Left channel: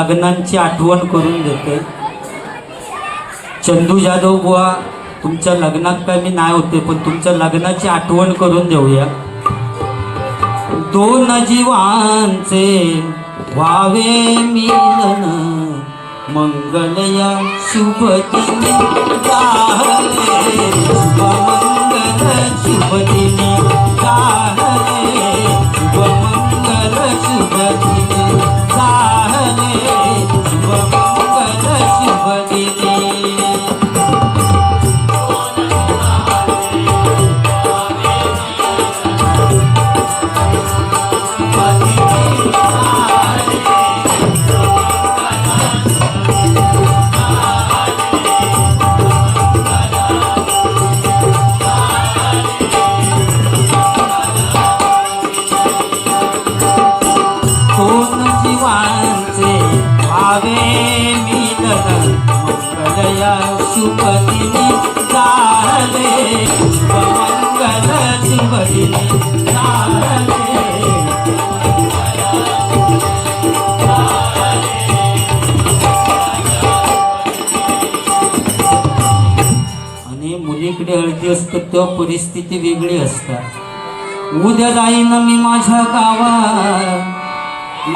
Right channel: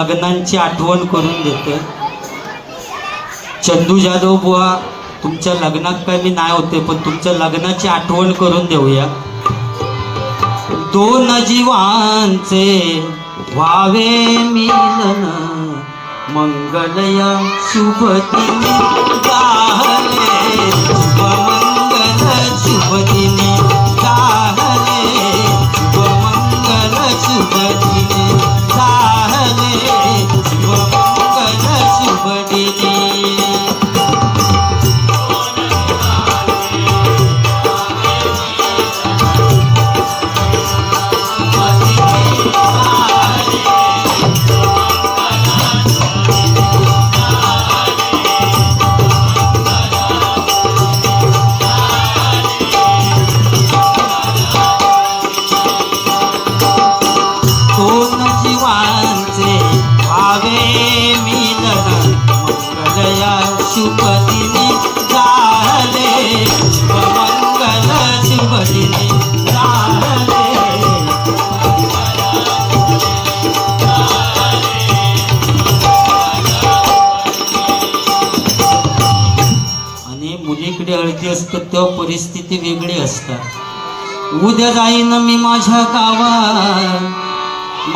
लग्नांची आठवण करून देते. चंदू जाधव बुवा तुमच्या लग्नात काय मी नाही होते पण तुमच्या लग्नाची आठवण करून देऊया. दोन जीवांचे व्हावे मिलन मंगलया शुभ दिनी गाहले शुभ मंगलया शुभ झाले मंगल झाले आणि मुलीकडे हळदी असतात तेव्हा परिस्थिती वेगळी असतात. उद्या मी माझ्या उद्या जाईन मी माझ्या गावात.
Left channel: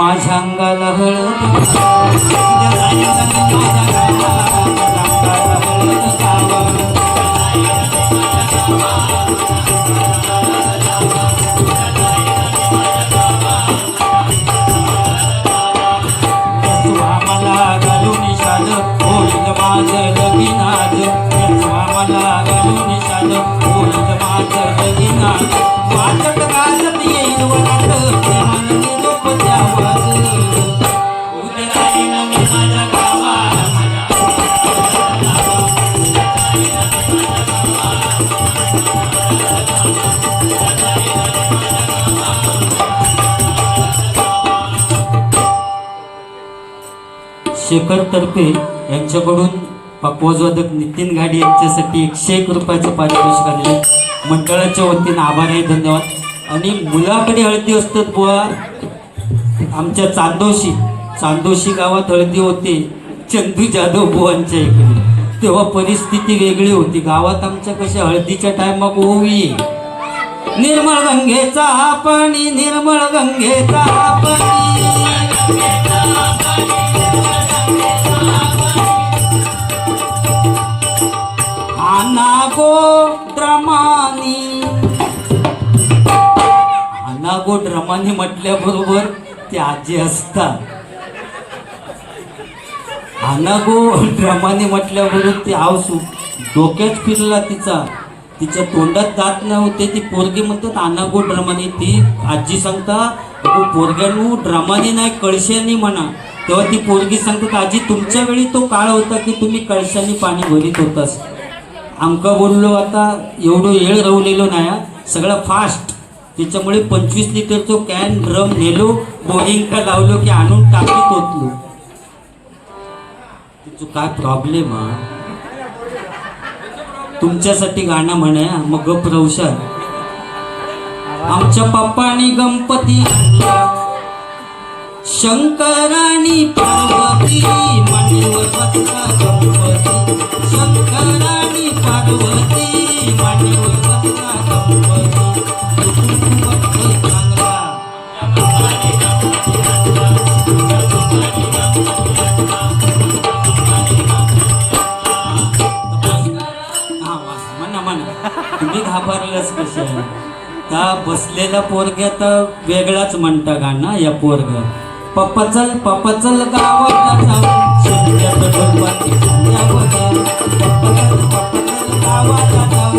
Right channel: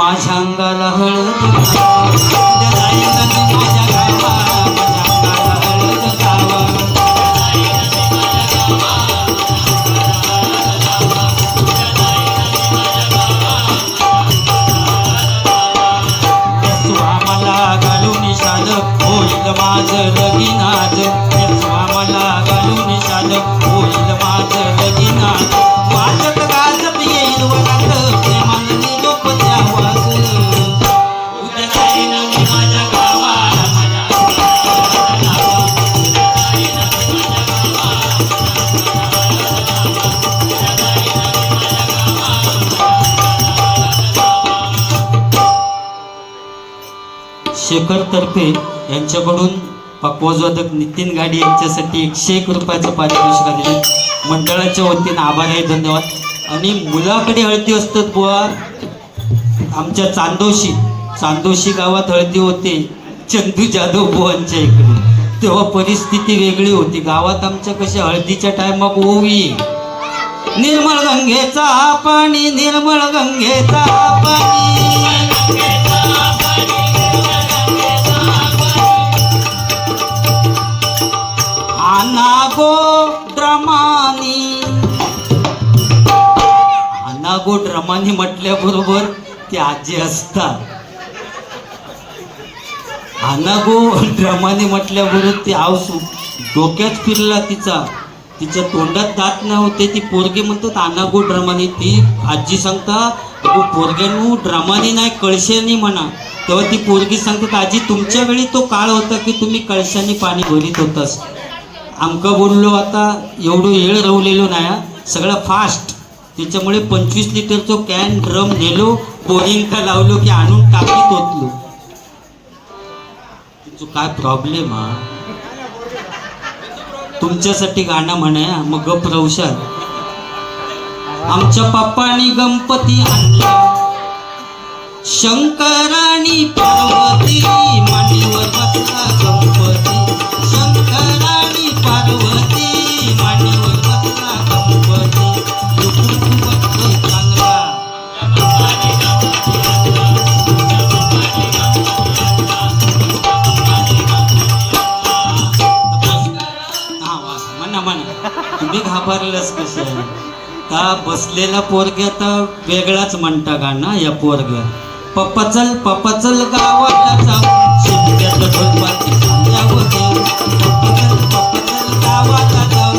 माझ्या अंगाला हळद. शेखर तर्फे यांच्याकडून पक्वाजवादक नितीन गाडी यांच्यासाठी एकशे एक रुपयाचं पारितोषिक आले मंडळाच्या वतीनं आभार आहे धन्यवाद. आणि मुलाकडे हळदी असतात बुवा. आमच्या चांदोशी चांदोशी गावात हळदी होते. चंदू जाधव बुवांच्या इकडे. तेव्हा परिस्थिती वेगळी होती. गावात आमच्या कशा हळदीच्या टायमात ओवी. निर्मळ गंगेचा पाणी निर्मळ गंगेचा पाणी. अनागो रमानी म्हटल्याबरोबर ते आजी असतात. अनागो ड्रमाने म्हटल्याबरोबर ते आवसू डोक्यात फिरला तिचा. तिच्या तोंडात दात नव्हते ती पोरगी म्हणतात अनागो ड्रमाने ती आजी सांगता पोरग्यानू पोरग्यानो ड्रमाने नाही कळशाने म्हणा. तेव्हा ती पोरगी सांगतात आजी तुमच्या वेळी तो काळ होता की तुम्ही कळशाने पाणी भरीत होतास. आमका बोललो आता एवढं येळ रवलेलो नाही सगळं फास्ट त्याच्यामुळे पंचवीस लिटरचो कॅन ड्रम नेलो बोरिंग का लावलो की आणून टाकीत ओतलो तुझं काय प्रॉब्लेम हा? तुमच्यासाठी गाणं म्हणे मग गप रवशाल आमच्या पप्पानी गणपती आणला. शंकराणी पार्वती मांडीवर बसला गणपती शंकराणी पार्वती मांडीवर गणपती चांगला हा, म्हणा म्हणा तुम्ही घाबरलंच कसं बसलेला पोरग्या तर वेगळाच म्हणता ना या पोरग्या पप्पा चल पप्पा चल गावाला जाऊ. शिमग्याचं ढोलबाती पप्पा चल, पप्पा चल गावाला जाऊ.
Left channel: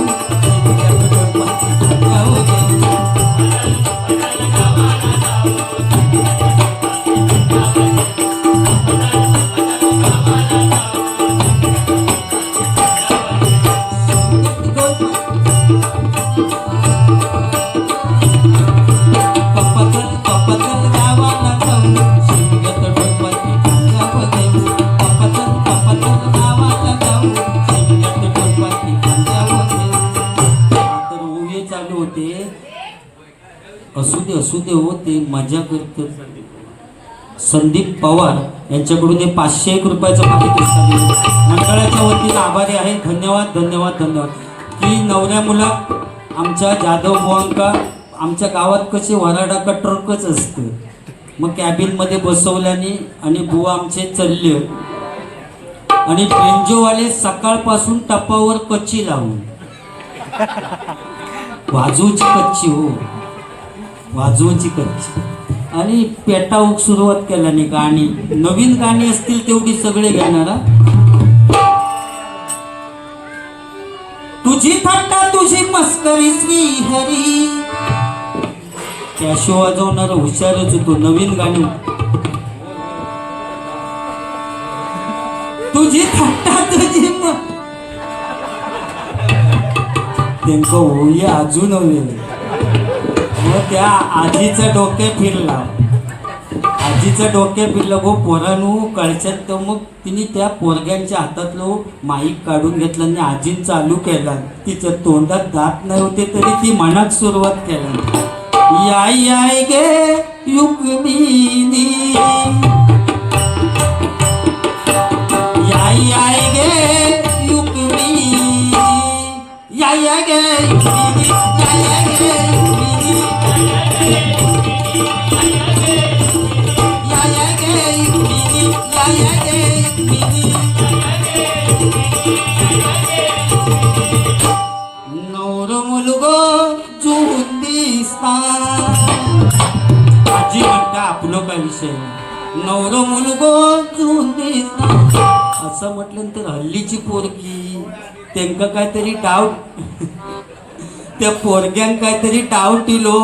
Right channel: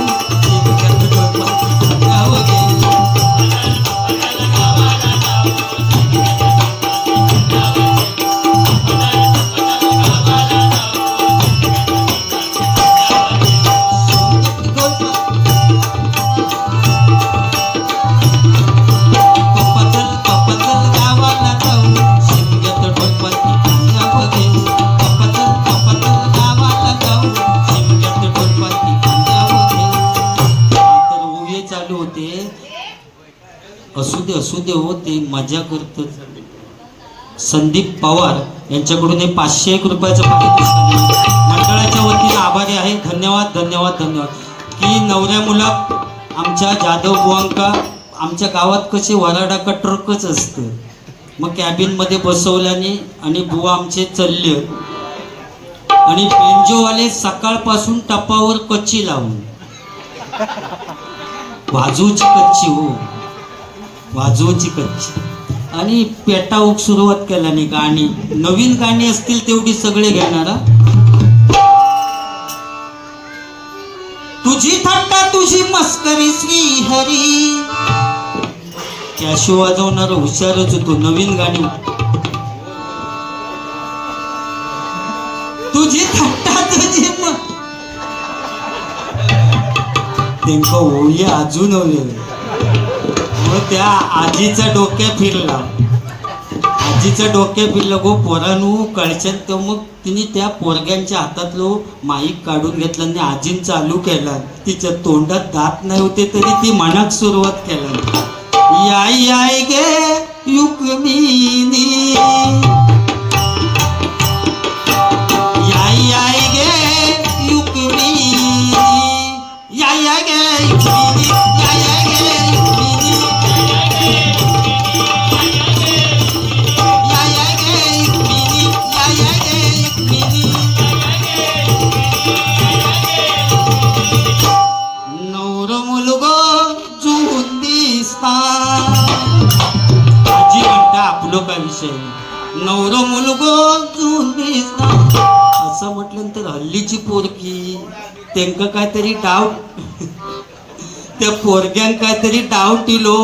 असू दे हो ते मजा करतात संदीप पवार यांच्याकडून हे पाचशे एक रुपयाचं पारितोषिक मंडळाच्या वतीने आभारी आहे. धन्यवाद धन्यवाद धन्यवाद. की नवऱ्या मुला आमच्या जाधव बुवांका आमच्या गावात कसे वराडाका ट्रकच असतं. मग कॅबिनमध्ये बसवल्याने आणि बुवा आमचे चलले. आणि बेंजोवाले सकाळपासून टपावर कच्ची लावून. बाजूची कच्ची हो. वाजवची कच्ची आणि पेटाऊक सुरुवात केल्याने गाणी. नवीन गाणी असतील तेवढी सगळे घेणार तुझी थट्टा तुझी मस्करी श्री हरी कॅशो वाजवणार हुशारच होतो नवीन गाणी तुझी थट्टा तुझी म- त्यांचं होई अजून हवे. मग त्या आजीचं डोके फिरला. आजीचं डोके फिरलं गो पोरानू कळच्यात तर मग तिने त्या पोरग्यांच्या हातातलो माईक काढून घेतला आणि आजीन चालू केला. तिच्या तोंडात दात नाही होते तरी ती मनात सुरुवात केला. याय याय गे युकमिनी असं म्हटल्यानंतर तर हल्लीची पोरगी. त्यांका काहीतरी डाव त्या पोरग्यांक काहीतरी डाव टिलो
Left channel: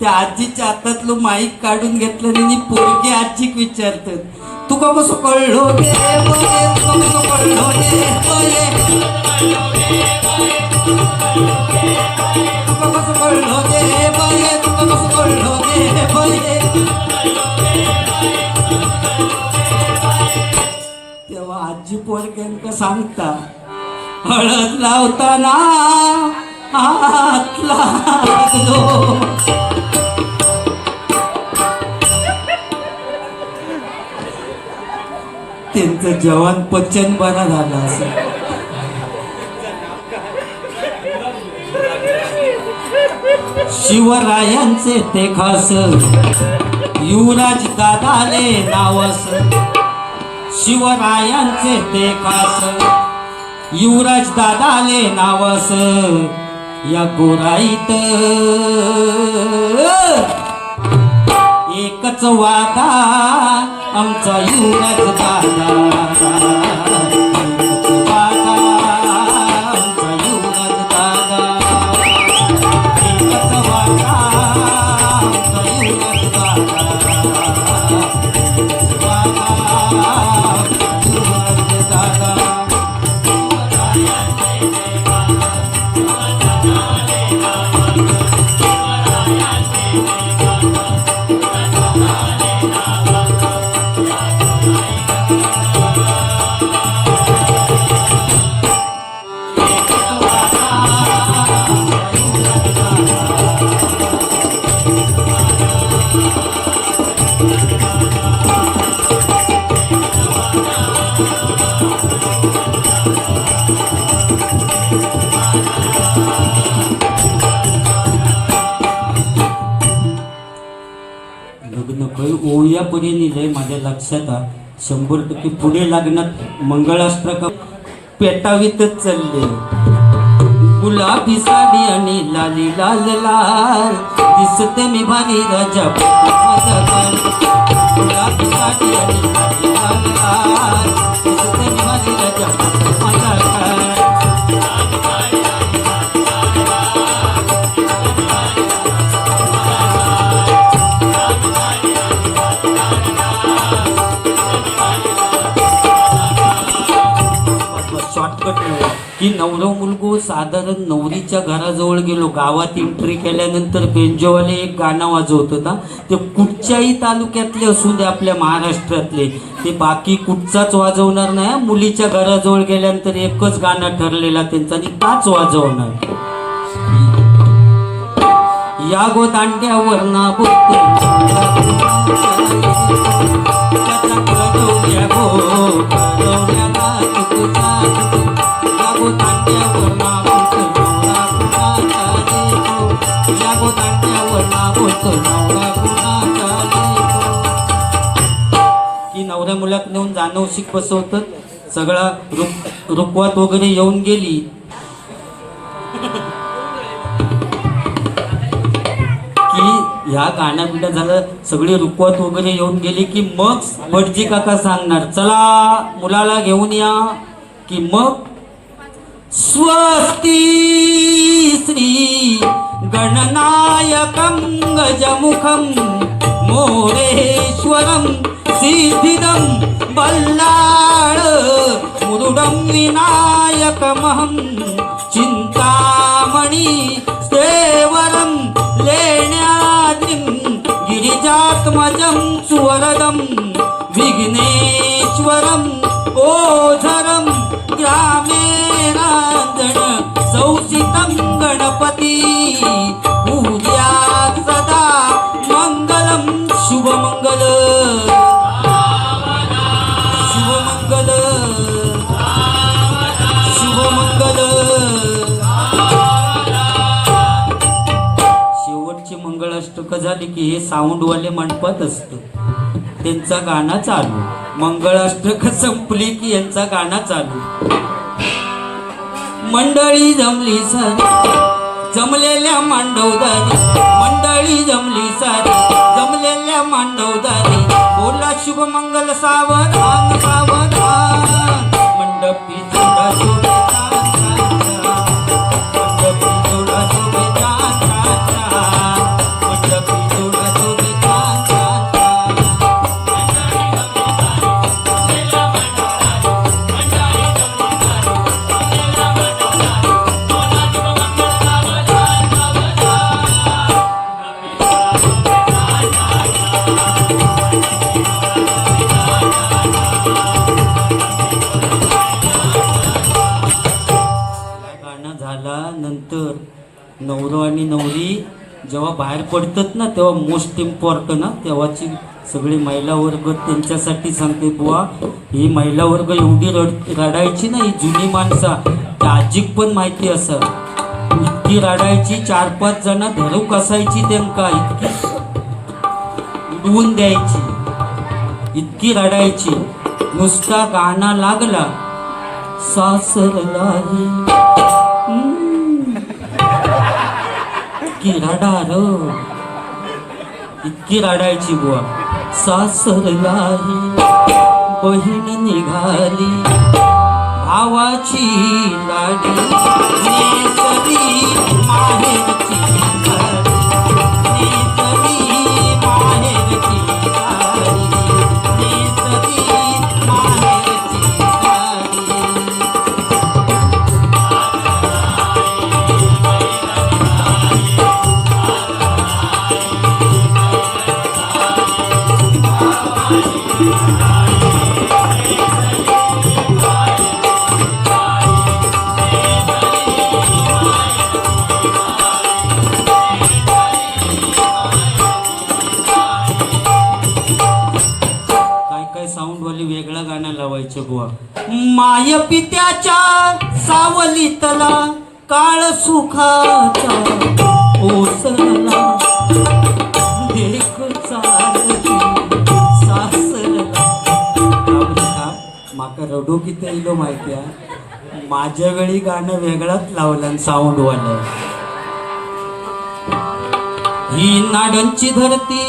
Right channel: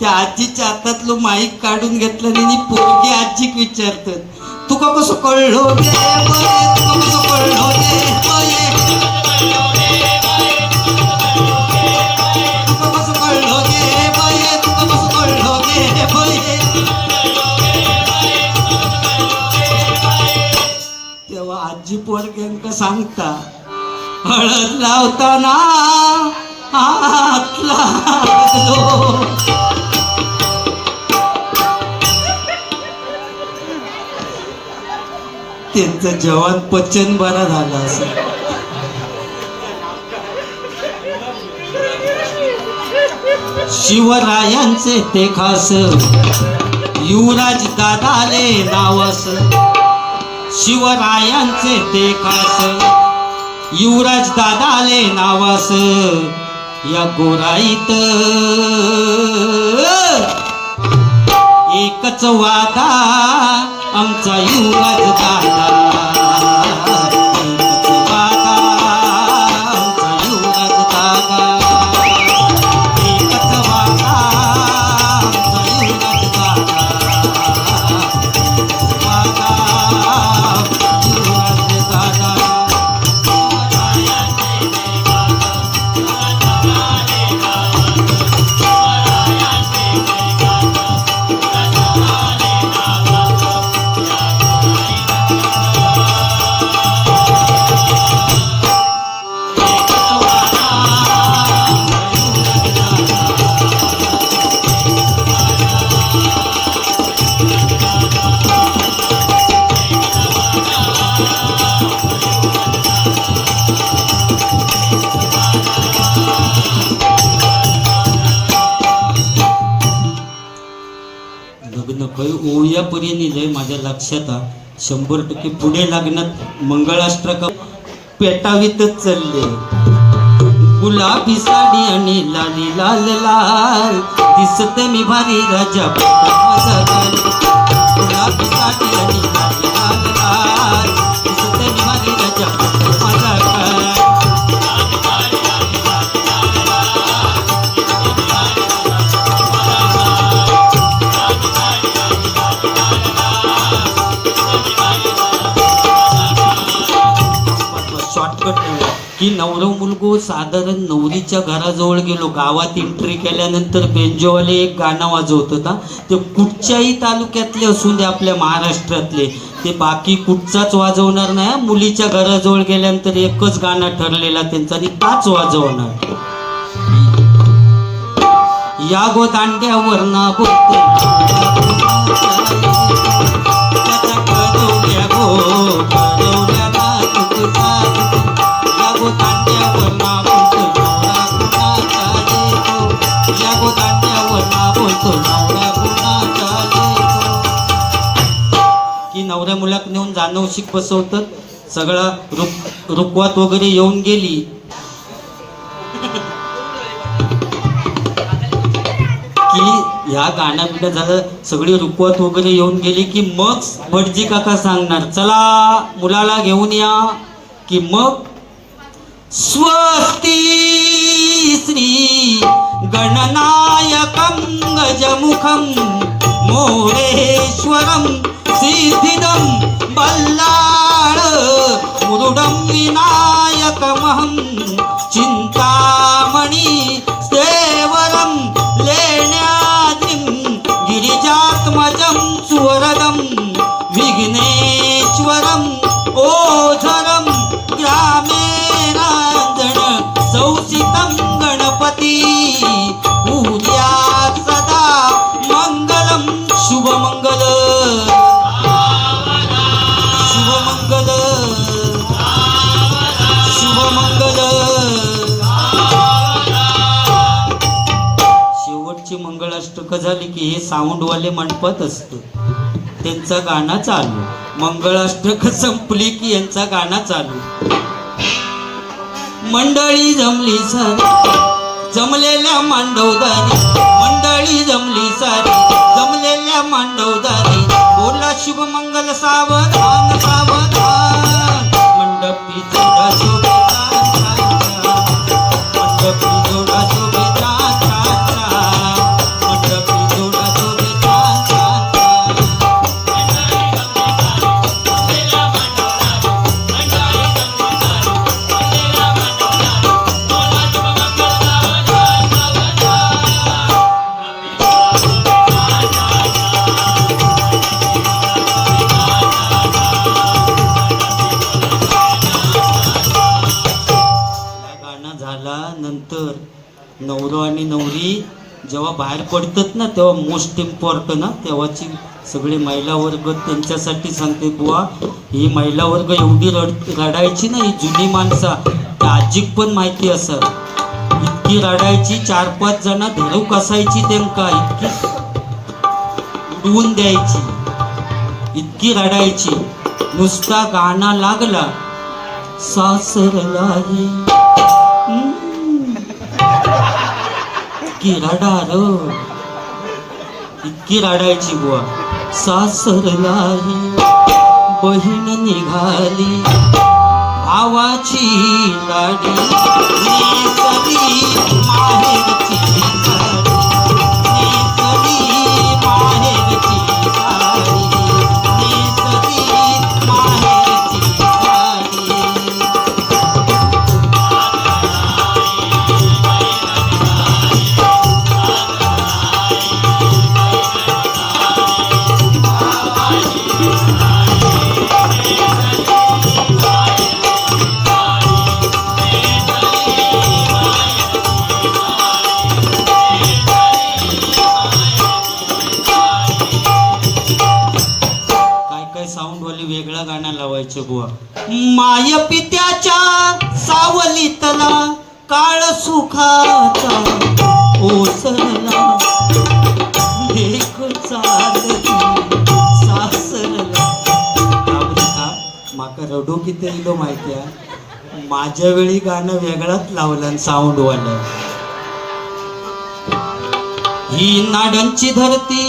त्या आजीच्या हातातलं माईक काढून घेतलं आणि पोरगी आजीक विचारतात तुका कसं कळलो रे कसं तेव्हा आजी पोरग्यांका सांगता हळद लावताना हात लागलो त्यांचं जवान पचन बरं झालं असं. शिवरायांचे ते खास युवराज दादाले नावस शिवरायांचे ते कास. युवराज दादाले नावास. या गोराईत. एकच वादा आमचा युवराज दादा. काही ओया लय माझ्या लक्षात शंभर टक्के पुढे लागण्यात मंगळाष्ट्र पेटावीतच चालले. गुलाबी साडी आणि लाली लाल लाल दिसते मी भारी राजा. गुलाबी साडी आणि साधारण नवरीच्या घराजवळ गेलो. गावात एंट्री केल्यानंतर बेंजोवाले एक गाणं वाजवत होता. ते कुठच्याही तालुक्यातले असू दे आपल्या महाराष्ट्रातले. ते बाकी कुठचाच वाजवणार नाही. मुलीच्या घराजवळ गेल्यानंतर एकच गाणं ठरलेला त्यांचा आणि ताच वाजवणार. या गो दांड्यावर ना बोलतो की नवऱ्या मुलात नेऊन जाणव शिक बसवतं. सगळा रुक रुकवात वगैरे येऊन गेली. की ह्या गाणं बिणं झालं सगळी रुकवत वगैरे येऊन गेली की मग भटजी काका सांगणार चला मुलाला घेऊन या. की मग स्वस्ती श्री गणनायकं गजमुखं मोरेश्वरं सिद्धिदं बल्लाळ मुरुडं विनायकमहं सौसितं गणपती पूजा सदा मङ्गलं शुभमङ्गल शुभमङ्गल शुभमङ्गल शेवटची मंगळाष्टक झाली की हे साऊंडवाले मंडपात असतं. त्यांचा गाणं चालू. मंगळाष्टक संपली की यांचा गाणं चालू. मंडळी जमली सारी. जमलेल्या मांडवदारी मंडळी जमली सारी. जमलेल्या मांडवदारी बोला शुभ मंगल सावधान सावधान. मंडपी पडतात ना तेव्हा मोस्ट इम्पॉर्टंट ना तेव्हाची सगळी महिला वर्ग त्यांच्यासाठी सांगते बुवा ही महिला वर्ग एवढी रड रडायची ना ही जुनी माणसा ताजिक पण माहिती असत इतकी रडायची चार पाच जण धरूक असायची त्यांका इतकी उडवून द्यायची इतकी रडायची. नुसता गाणं लागला सासरलाही इतकी रडार इतकी रडायची बुवा. सासरलाही बहीण निघाली भावाची लाडी माहेरची माय पित्याच्या सावलीतला काळ सुखाचा. माका रडू किती येलो माहिती आहे माझ्या वेळी गाणं वेगळाच लावलं साऊंड वालं ही नाड्यांची धरती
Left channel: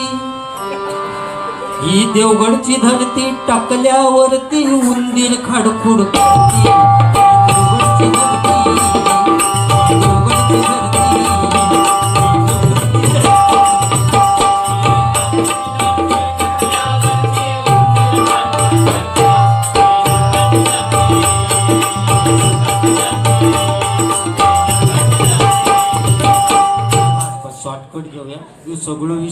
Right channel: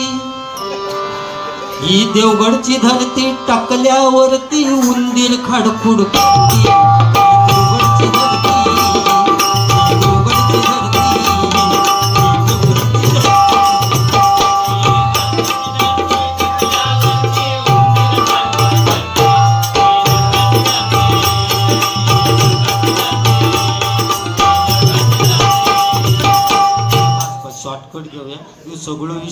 ही देवगडची धरती टाकल्यावरती उंदीर खडखुड करती.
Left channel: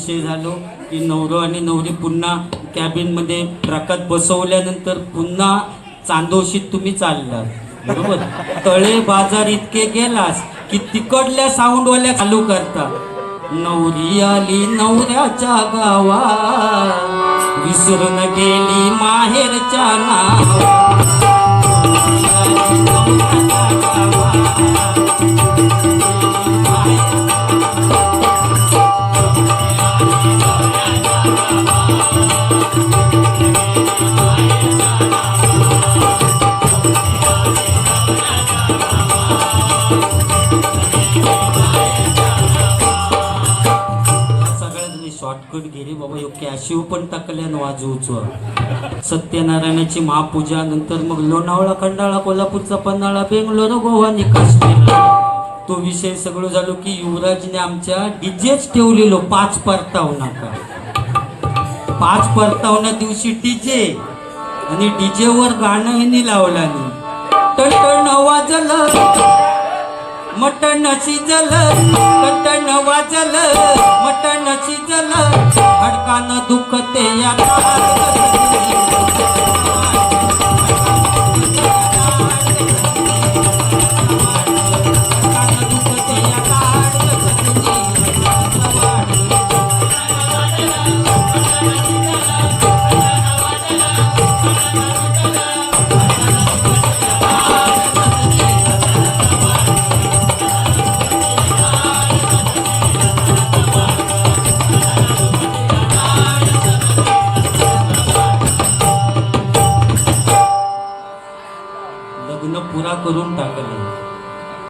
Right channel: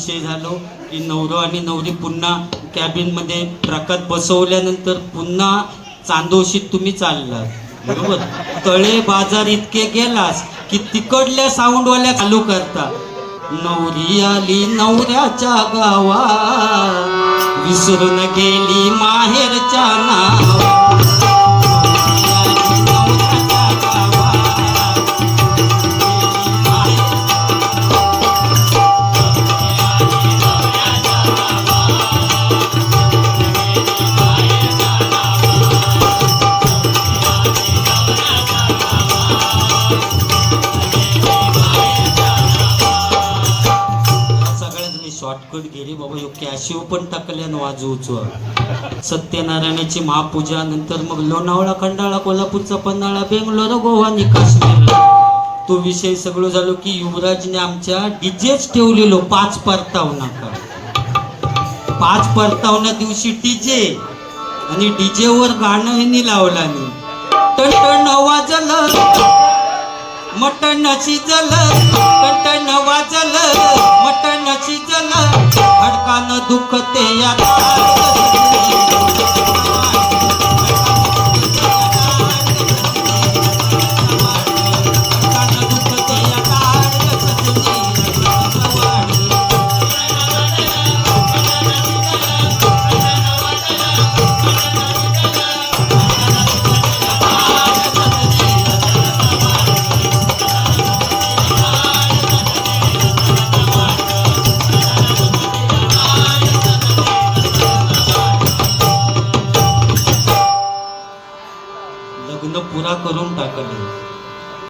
सगळं झालो की नवरो आणि नवरी पुन्हा कॅबिनमध्ये ट्रकात बसवल्यानंतर पुन्हा चांदोशीत तुम्ही चाललात. बरोबर? तळे बाजार इतके गेलास की तिकडल्या साऊंडवाल्या चालू करता. नवरी आली नवऱ्याच्या गावा विसरून गेली माहेरच्या नावा कॅशिव पण टाकल्यान वाजवचो सत्यनारायणाची महापूजा नंतर मग लोणावळा खंडाळा कोल्हापूरचा पन्हाळा बेंगलोर गोवा काश्मीर तो विषय सगळं झालो की युवराजने आमच्या डीजेच ठेवलेलो पाच परतावनाका पाच परतावना दिवशी डीजे आणि डीजे वर गाणं हे लावला नाही टण वाजलं मटण शिजल मटण वाजल मटण शिजल हडकान दुखते या